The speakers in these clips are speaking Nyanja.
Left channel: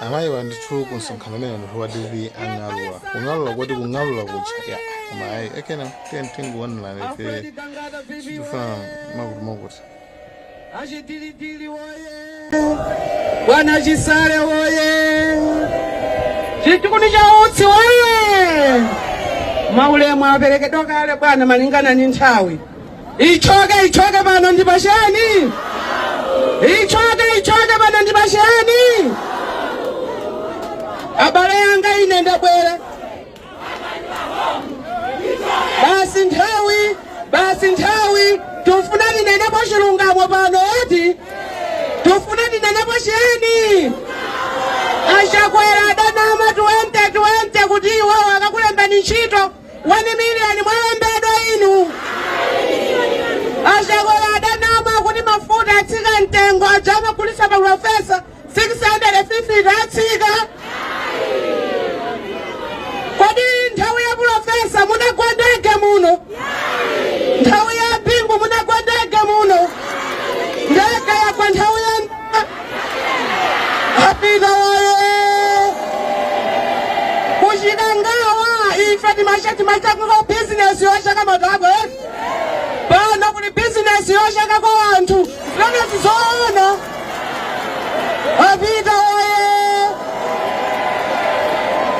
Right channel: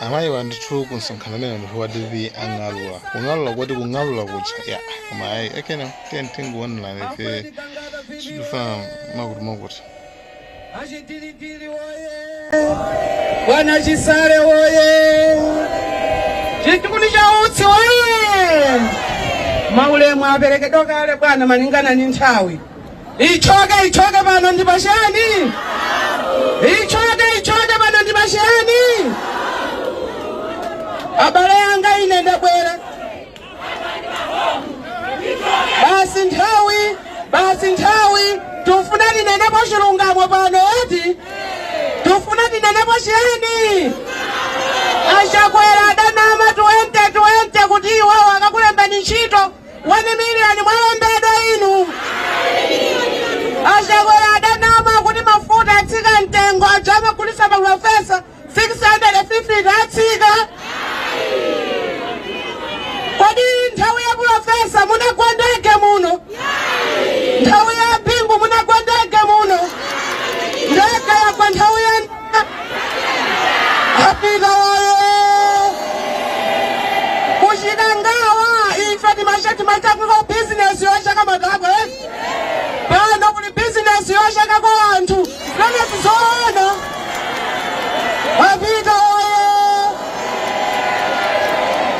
amayi wandithu kunsonkhana mene anthu wadivi ang'alula kung'alula kuti kung'alula kucha ya koma ayi ekena tentinguwanilana ife situfuna makuti Bwana Chisale woye, chikundi cha utsi woye, maulemu aperekedwa kale bwana malingana ni nthawi. Ichoke bana ndi bashani, ichoke bana ndi bashani. Abale yanga ine ndabwera. Basi nthawi tufuna tinene pa chilungamo pano eti tufuna tinene pa chiyani achakwera adanama tuwente kuti iwewo akakulembani ntchito 1 million mwalembedwa inu achakwera adanama kuti mafuta atsika mtengo ajama kulisa pamafesa 650 atsika kodi nthawi ya kulafesa munagwendeke muno nthawi ya pimbo munagwendeke muno ndeka yakwa nthawi ya apita wayo kuchita ngawa ife timachakula bizinesi yochaka madabo pano kuli bizinesi yochaka kwa anthu zimene zizoona apita wayo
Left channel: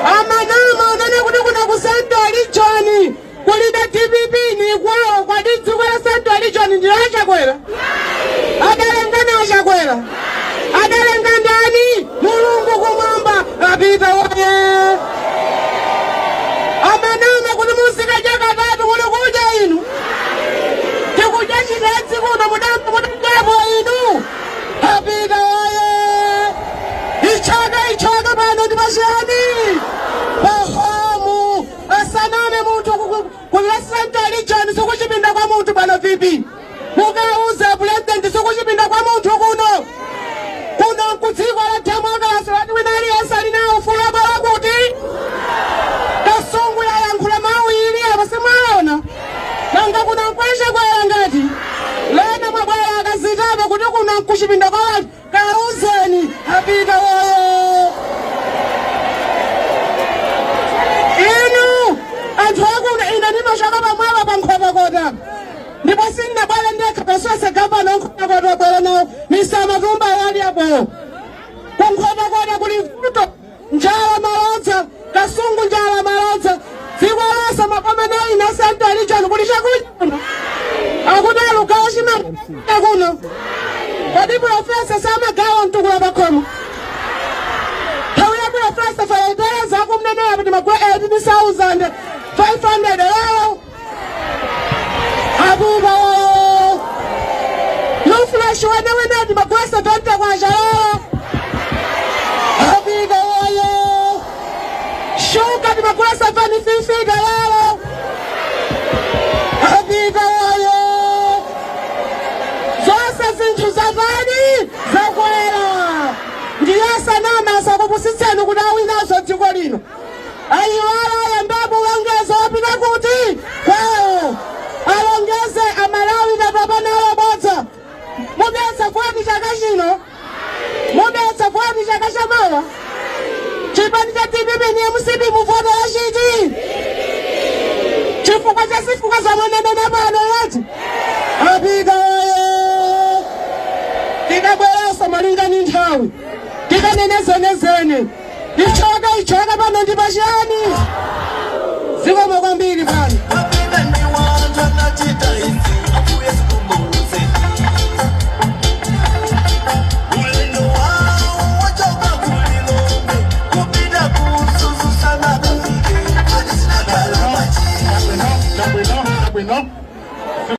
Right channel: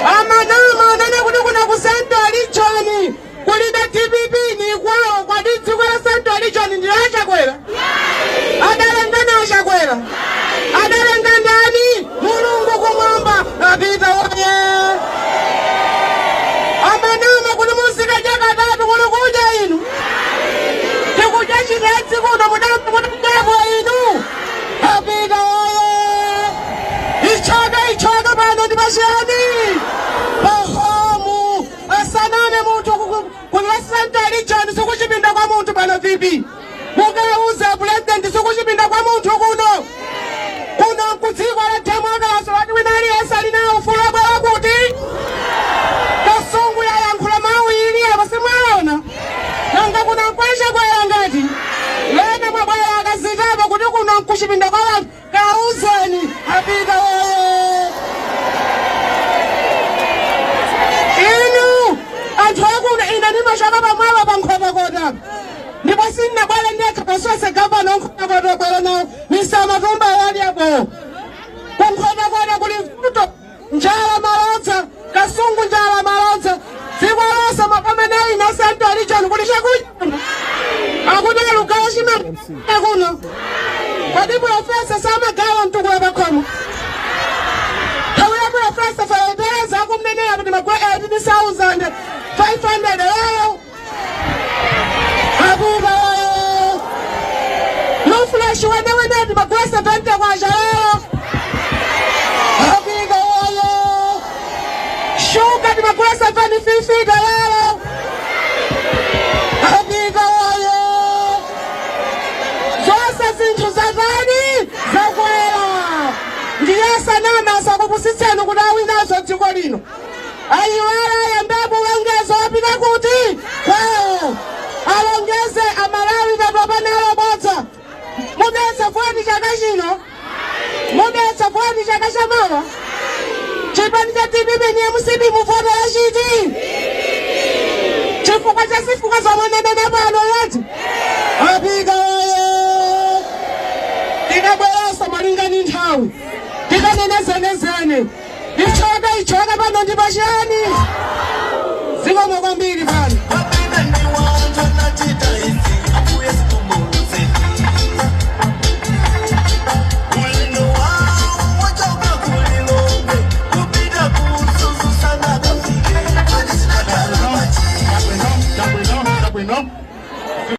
amanama anene kuti kuna ku Central Region kulida TPP ni kwayo kwa dziko la Central Region ndi achakwera adalengana achakwera adalenga ndani mulungu kumwamba apita waye amanama kuti musika jakatatu kuli kuja inu tikuja chimedzi kuno mudapo inu apita waye ichoke pano ndipasiyani pahamu asanane muntu kula Central Region sikuchipinda kwa muntu pano vipi mukauze president sikuchipinda kwa muntu kuno kuna kudziko la democracy wati winali yasali nawo fulo bala kuti kasungu yayankhula mawiri apo simwaona nanga kuna kwasha kwaya ngati lema mabwera akazitama kuti kuna kuchipinda kwa watu kauzeni apita waye inu anthu akuna ine ndimashaka pamwala pankhotakota ndipo sinnabwera ndekha pasose gavana nkhotakota bwera nawo misamatumba wali apo kunkhotakota kuli mvuto njala malodza kasungu njala malodza dziko lonse mapameneyi na Central Region kuli chakuno akuti lugawo chimata kuno kodi profesa samagawa mtukula pakhomo nthawi ya profesa falantereza akumneneya kuti magwe 18,500 wawo apita wawo nufulashi weneweneti magwe 70 kwacha wawo apita wawo shuka ti magwe 750 wawo apita wawo zonse zinthu zatani zakwera ndiyasanama sakupusitseni kuti awinazo dziko lino ayiwala ayambapo ulongezo wapita kuti kwawo alongeze amalawi papapanalo bodza mudetsa foni chaka chino mudetsa foni chaka chamawa chipani cha TPP ni MCP muvotera chiti chifukwa cha sifuka zamenemene pano yati apita waye tikabweranso malingani nthawi tikanenezene ichoke pano ndi pachiyani